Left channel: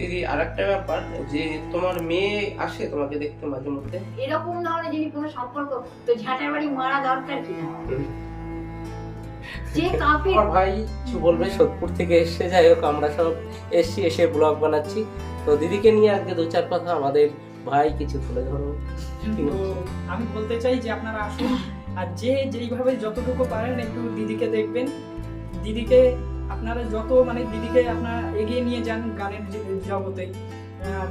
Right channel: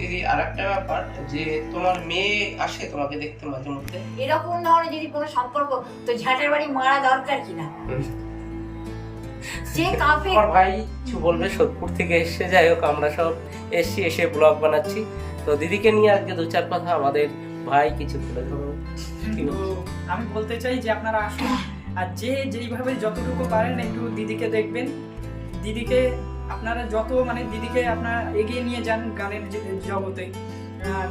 দিদি আরেকটা ব্যাপার যে তোমার মেয়ে আসে তোমাকে দেখতে মাঝে মধ্যে, এরকম ধরনের যদি কোনো সম্পর্ক, তো ঝাঁটের বাড়ি মারা দরকার কিনা? যে কাফের আমার ভাই কিছু বলবে সোদপুর থেকে এসে, যাই হোক আমরা সব এসে ব্লগ বানাচ্ছি, তো দিদিকে নিয়ে আজকে দু চার কথা আমাদের ভাই কিছু তুলে ধরো। তো আমি বলতে চাই যে আপনারা আসুন, আর যে যেইভাবে যতটুকু পারেন একটু দিদিকে দেখবেন। দিদিকে আপনারা যত দিদিকে আপনারা এগিয়ে নিয়ে যান গানের জগতে। আর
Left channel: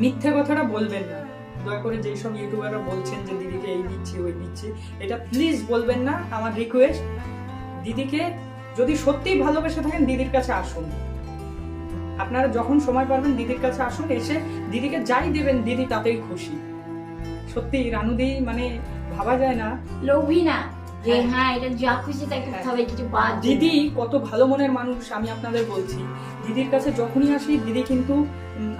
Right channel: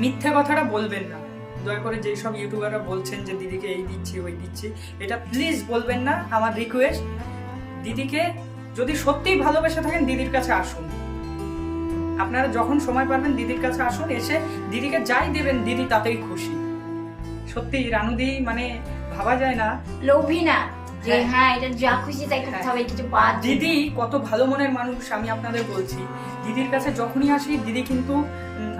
মিথ্যে কথাটা বলবেন না দয়া করে। যেই সব ইউটিউবাররা বলছেন যে দিদিকে এই দিচ্ছি ওই দিচ্ছি, এটা প্লিজ বলবেন না, আমার রিকোয়েস্ট। দিদিকে যদি সত্যিই ভালোবেসে থাকেন দিদির কাছে আসুন। আপনারা যখন সময় পারবেন দিদির কাছে আসুন, এসে দিদিকে যাই দেবেন দিদি তাতেই খুশি। সত্যি রানুদি ভাবা যায় না, লোভী না যে হ্যাঁ এটা যা খুশি তাই করতে হবে, কিছু বাদ। দিদি কত ভালো মনের মানুষ। আমি আপনাদের বলছি, দিদির কাছে যখনই আসি দিদি কিন্তু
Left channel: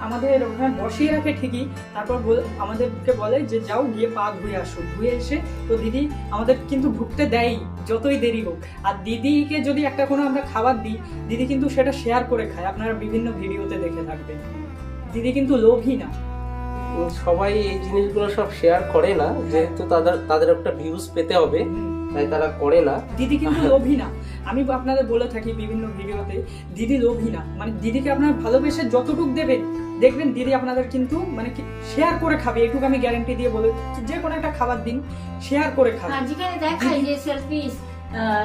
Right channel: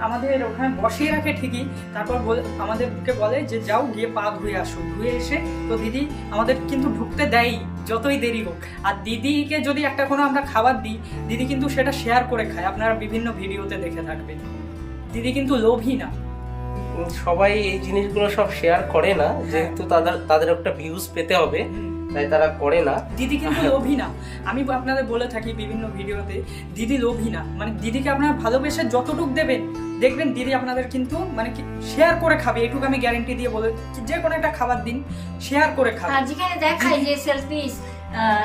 আমাদের ওখানে বসিয়ে রাখে ঠিকই, তারপর আমাদেরকে বলে যে যাও গিয়ে পা ধুয়ে আসো। ধুয়ে এসে তো দিদি আমাদের কিন্তু ঢুকতে দেয় যতই দেরি হোক। আর দিদিকে যদি একটা কোনো আমরা খাবার দিই, দিদি কিন্তু সেটা শেয়ার করে খায়। আপনারা বিভিন্ন ভিডিওতে দেখে থাকবেন, দিদি কিন্তু লোভী না। সবাই এই জিনিসগুলো সব শেয়ার করে না, যেহেতু তাদের একটা ভিউজ পেতে হবে তাই তারা করে না। দিদি কিন্তু লোভী না। আমি আপনাদের বলে থাকি বিভিন্ন ভিডিওতে, দিদি লোভী না। দিদিকে আপনারা ভালোবেসে যতটুকু দেবেন, দেখবেন দিদি আপনাদের কিন্তু শেয়ার করে খাবে। এটুকু আমি গ্যারান্টি দিয়ে বলে, যে কোনো একটা খাবার দিন শেয়ার করে খাবে। যেখানে দেখায় যে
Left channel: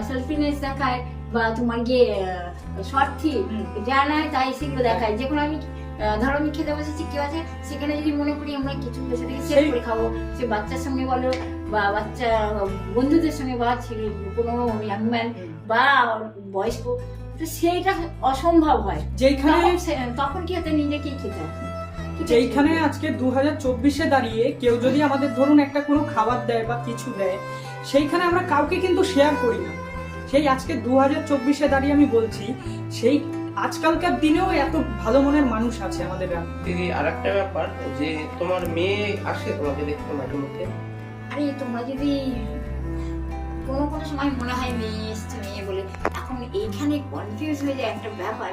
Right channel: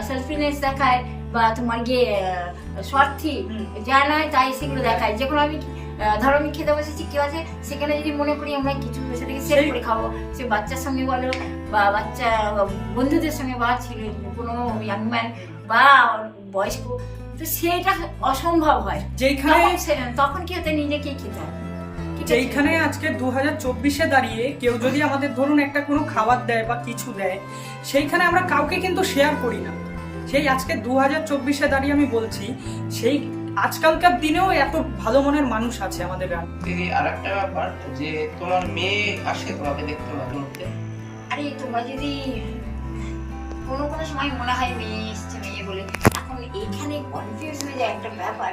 সেলফিনেস দেখায় বা তোমার গিয়ে স্বার্থী যা নয় তাই সেগুলো দেখায়। যেগুলো আমি ধরো আমি খেতে বসেছি কেউ আছে, সেখানে যদি মনে করি আমরা কিছু সেটাকে সেট করে খাবো, সে বাচ্চার সঙ্গে বলো বা বাচ্চা বন্ধুদের সঙ্গে বা কোনো ইয়াংম্যান বা বয়স্ক, তো সেইটা অসম্ভব হয়। যেখানে তখন কি হতে নিজেকেই খেতে হয়। যেইখানে আজকে 2024-এ দাঁড়িয়ে কেউ যদি আমাদের ধরুন একটা কোনো খাবার দেয় বা কিছু দেয়, সেইখানে আমরা কাউকে কিন্তু শেয়ার করি না। সেই আজকে 2024-এ দাঁড়িয়ে আমি বলছি, সেই আজকালকার দিনেও এত ভালো মনের মানুষ আছে আমাদের গ্রামে। দিদি আরেকটা ব্যাপার যে তোমার মেয়ে আসে তোমাকে দেখতে মাঝে মধ্যে, আরে তোমরা যদি কোনো সময় মনে হয় মেয়ে এসছে মেয়ে বলে, এখন এইখানে কনফিউজ হয়ে যায় একটা ব্যাপার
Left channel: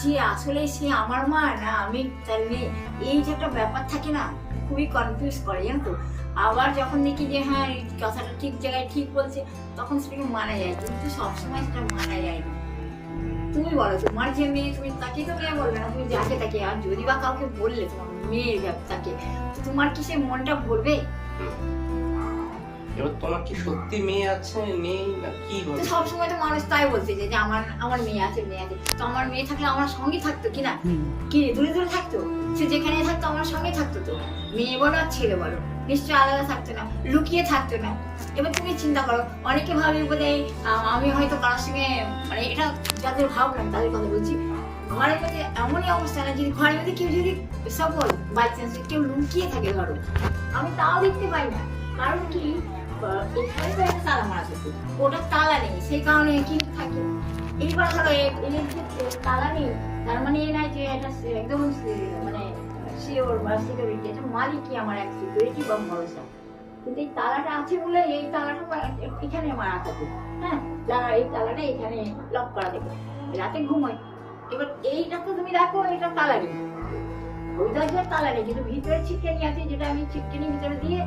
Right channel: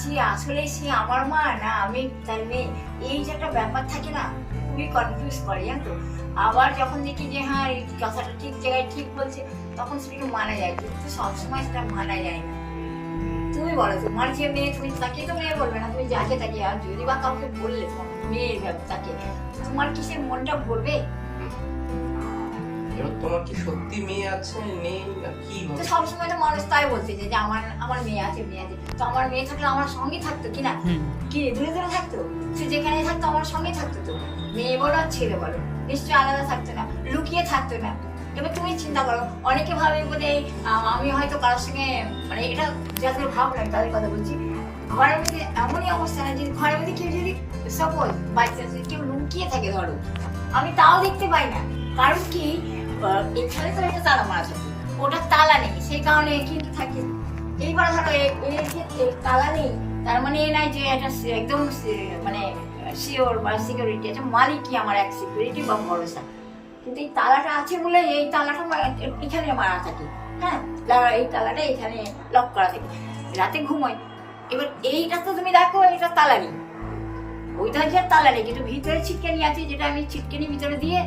যে আসলে সে আমার মা না আমি তার মেয়ে। এই যে একটা ব্যাপার থাকে না, খুবই কনফিউজ করে জানো তো। আবার যখন দেখি যে হ্যাঁ এই কথাটা ঠিক জায়গায় ঠিক বলছে, তখন সেটাকে মানা যায়, কিন্তু সবসময় সেটা মানা যায় না। তুমি বলো তোমার যে মেয়ে, তুমি তাকে তো মেয়ে বলবে না, তুমি যাকে তাকে। আর যদি বা কাউকে বললে মেয়ে তাকে, তোমার কি সে মনটা ভরবে? তোমার কি সত্যি মেয়ে আছে নেই না কি? সবসময় তো মানুষ তাই বলতে যে আমার মেয়ে আছে মেয়ে আছে। তো আমার মেয়ে থাকলে আমার সঙ্গে থাকতো কিনা, কি দূরে দূরে থাকতো? সে যেখানে থাকতো আমার সঙ্গে থাকতো। তো মেয়ে বলো আর ছেলে বলো, নিশ্চয়ই আলাদা থাকতো না, লুকিয়ে থাকতো না। এবার তুমি চিন্তা করো, অনেকে ভাবে বলে আমি হয়তো কারোর সঙ্গে এটা যাদের ভাব নাই তাদের কথা বলছি, ঘরের মধ্যে এমনই অবস্থা না, যদি ঘরের মধ্যে কেউ যদি সাপোজ বাই চান্স কেউ লুকিয়ে থাকে ধরো, আমি তাও দেখতে পাই না। কারণ কি এখানে তো একটা তালা মারা থাকে, ওটা তালা নেই, সেই কারণে কিন্তু থাকে। এইবার ধরো এর ক্ষেত্রে তালা নেই, তার মানে এ নাই যে এটা একদম শিওর বা সিকিউরিটি আছে, মালিকই আমার এক সিকিউরিটি বা ভরসা। কিন্তু এই তালাটা আছে বলে এই তালাটা এখানে মারা থাকে, হ্যাঁ এই তালাটা এখানে লক করা থাকে, রাতে ঘুমোয়। এবার এইটা তো তুমি দেখো এটা তালা নেই, ওই দরজার তালা নেই, কিন্তু ভিতরে ছিটকানি আছে, যেটা আমি ছিটকানি ভিতরে দিয়ে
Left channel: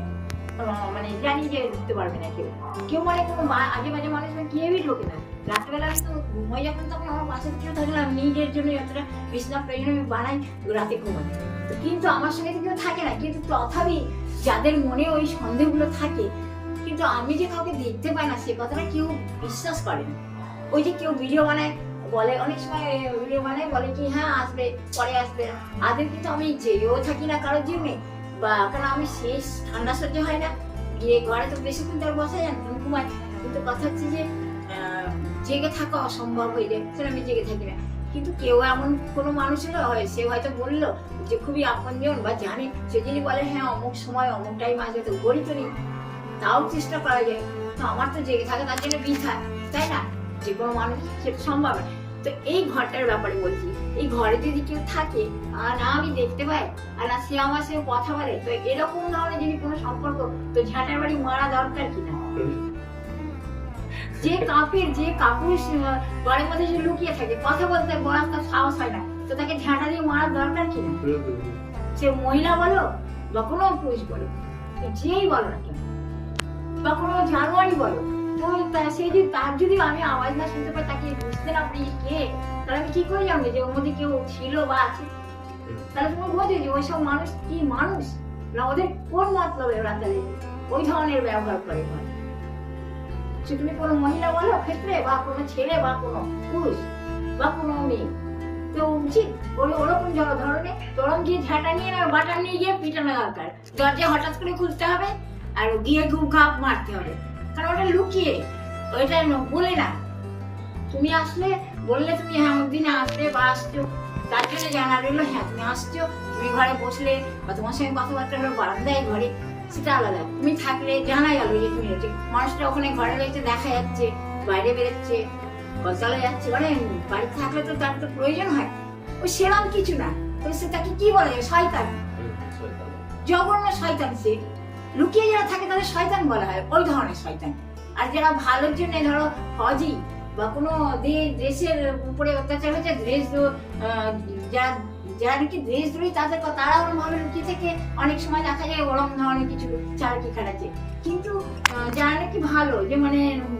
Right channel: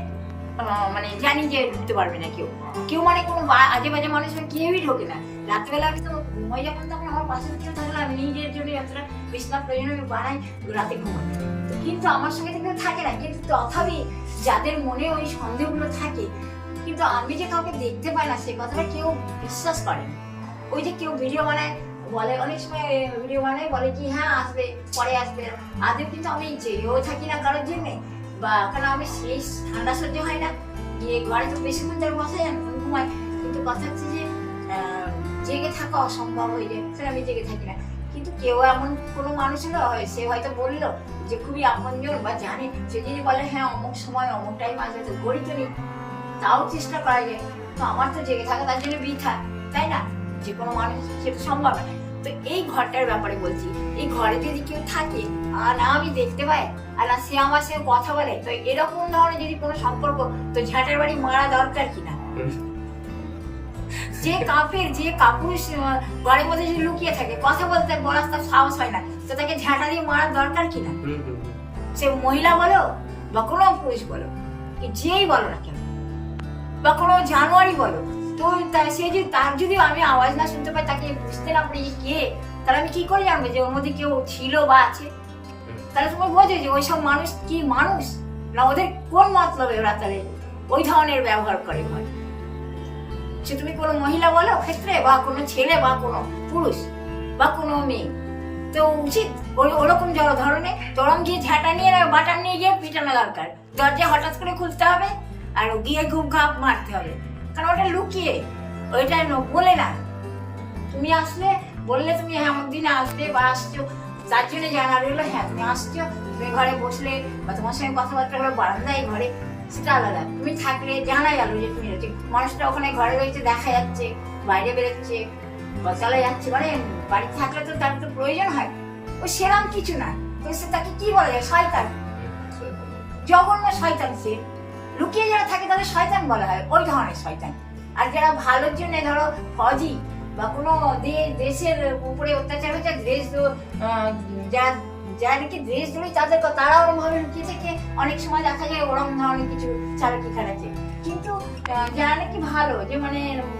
জানি যে ঢুকতে পারবে না কেউ কোনো আজে বাজে মানুষের কেউই ঢোকে না। রাত্রেবেলা তো ঘুমাই যখন, তখন আমার পাশে কেউ থাকে না, আমি নিজের জন্য যতটা বিছানা প্রয়োজন আমি বানাই রাতে ঘুমাই, কিন্তু আমার সঙ্গে তো কেউ থাকে না। কিন্তু তথাপি যাদের মনে ওই সন্দেহগুলো থাকে, কিন্তু আমি যে কাউকে দেখতে পাই না সে কথাটা কেউ বিশ্বাস করে না। ওই যে কেউ ভিডিও বানায় বলে, অনেক সময় ভিডিও বানায় বলে কি হ্যাঁ আসবে পরে আসবে, আগে কিন্তু আমি যেও থাকি না কারোর জিমে, বা কারণ আমি শেষ ঠান্ডা সহ্য হয় না, গিয়ে ঘরে তো বেশিক্ষণ তার বসে যান ঘুমায়। কিন্তু কথা হচ্ছে যে জেগে থাকা অসম্ভব হয়ে যায়, সেটা আমি জেগে থাকি না। কিন্তু কেউ এমন কোনো মানুষ হয়, সে হয়তো বললো যে খুবই আপনজন বা জানে, সে যদি বলে হ্যাঁ অমুক সময় অমুক টাইম আসবে, তো গড়ি তরি তাও চেষ্টা করা যায়। তো আমার তো জেগে থাকা তার জন্য বৃথা, তাই না? যে কোনো মানুষ সেটা সম্ভব না। তো এই ঘরটার ব্যাপারে বলছি, এই ঘরে যদি কেউ থাকে আর না আমি দেখতে পাই আর না সে আমার সঙ্গে কথা বলে, তো এরকম ধরনের যদি কোনো সম্পর্ক, তো ঝাঁটের বাড়ি মারা দরকার কিনা? যে কাপের যে কাপুর ঘরের মধ্যে যদি লুকিয়ে থাকে, কথা বলতে বড় সাহস হয় না, তো তো তাকে ঝাঁটা দিয়ে মারার দরকার কি না? হুম, হুম, হুম। সে মহিলা বলো বা কোনো পুরুষ বলো, যেই বলো না কেন, বা কোনো জানোয়ারই বলো, তো সে যদি তার যদি আমি আওয়াজ না শুনতে পাই, তাকে বুঝতে না পারি কে, তাহলে আমি কি করে জানবো যে ওর মধ্যে কেউ ছিল বা আছে? তাহলে তুমি বোঝো যে ওই সব মানুষ কি মানুষ না, ওদের কোন মতলবে ওরা তাহলে ওই ধরনের ব্যবহার করে বলে? সে তুমি কোনো মহিলা বলো ক্ষেত্রে, বা কোনো ছেলে, বা কোনো পুরুষ, বা কোনো মেয়ে, তো উচিত ওরকম ধরনের তরম গিয়ে ঝাঁটা নিয়ে বাটার নিয়ে গিয়ে পিটানো দরকার, দরজা হঠাৎ করে খুলতে হবে আর গিয়ে ঘুম ঘাপ মারতে হবে, কারণ ওটা লুকিয়ে, ওইটা বলে না। তুমি আসলে বললে তুমি হ্যাঁ আমার দিনে আসবে বা আসছো, তার জন্য জানা রইলো হ্যাঁ তুমি আসছো, তুমি ঘরে বসলে বা তোমার সঙ্গে কথাবার্তা হলো বারান্দায় ঘরে, সেটা আলাদা। তুমি থাকলে জানা গেল যে তুমি মানুষটা ওখানে ঘরে রয়েছে, দেখা যাচ্ছে, বাইরে বেরোচ্ছে বা চলে যাচ্ছে, মানে বাড়িতে থাকলে তো তার তো প্রয়োজন হয়। ও সেরাম কিছু না, তো সে তাকে কি বলা যায়? শয়তান, জঘন্য শয়তান। সে লুকিয়ে যারা থাকে তাদের শয়তান বলা হয়, ওই ধরনের শয়তান। আর যারা ভালোর জন্য ধরো ফৌজি বা কোনো দেশের উপরে অত্যাচার হচ্ছে, দেশ যারা নাকি দেশদ্রোহী, তারা ওরকম ভাবে লুকিয়ে থেকে অনেক সময় দেখা যায় ওরকম ধরনের কিছু চালাকি খাটাচ্ছে। কিন্তু যারা নাকি ভালো, যে মানে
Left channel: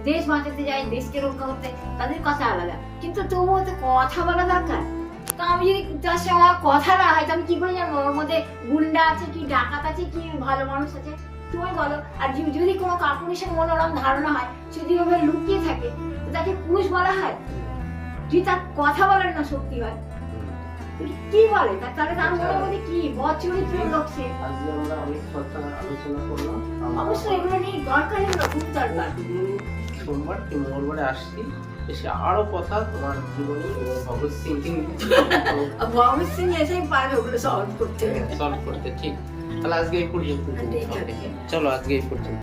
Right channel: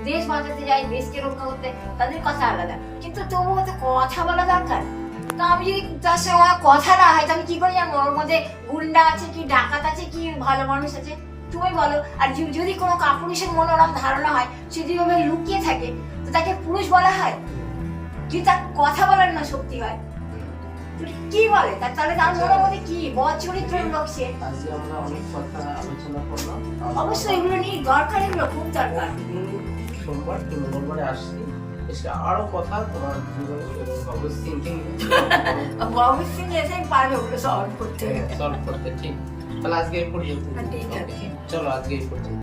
দেশ বাঁচাতে যায়, দেশকে রক্ষা করতে, তাদের কথা আলাদা। কিন্তু তবুও তো কথা বলা দরকার। তো আমি যদি তার সঙ্গে আমার কথা না হয়, আমি কি করে জানবো ওর মধ্যে গুন্ডা আছে কি ডাকাত আছে কি ভালো মানুষ আছে? তুমি বলো। আর যদি কোনো কাপুরুষের মনে ওরকম ধারণা হয়, সে যদি ওভাবে লুকিয়ে থাকে, তো তাকে পুরুষ বলা হয়? যদি তার কথা বলার না শক্তি হয়, কি বলে? তাহলে তার মনের মধ্যে কি বচরিত্রের লোক সে? আজকে আমরা অনেক কথা আলোচনা করলাম। অবশ্যই এগুলো নিয়ে দরকার, এগুলো খুব দরকার। সোমবার কি মঙ্গলবারে আসছি, এসে আরো কথা তোমার জীবনে ভগৎ সিং ভগৎ সিং এসেই পারবে ওগুলো সলভ করতে। সলভ করতে। ঠিক, তাহলে আজকে এই পর্যন্ত। ঠিক আছে। চলো আজকে এই পর্যন্ত।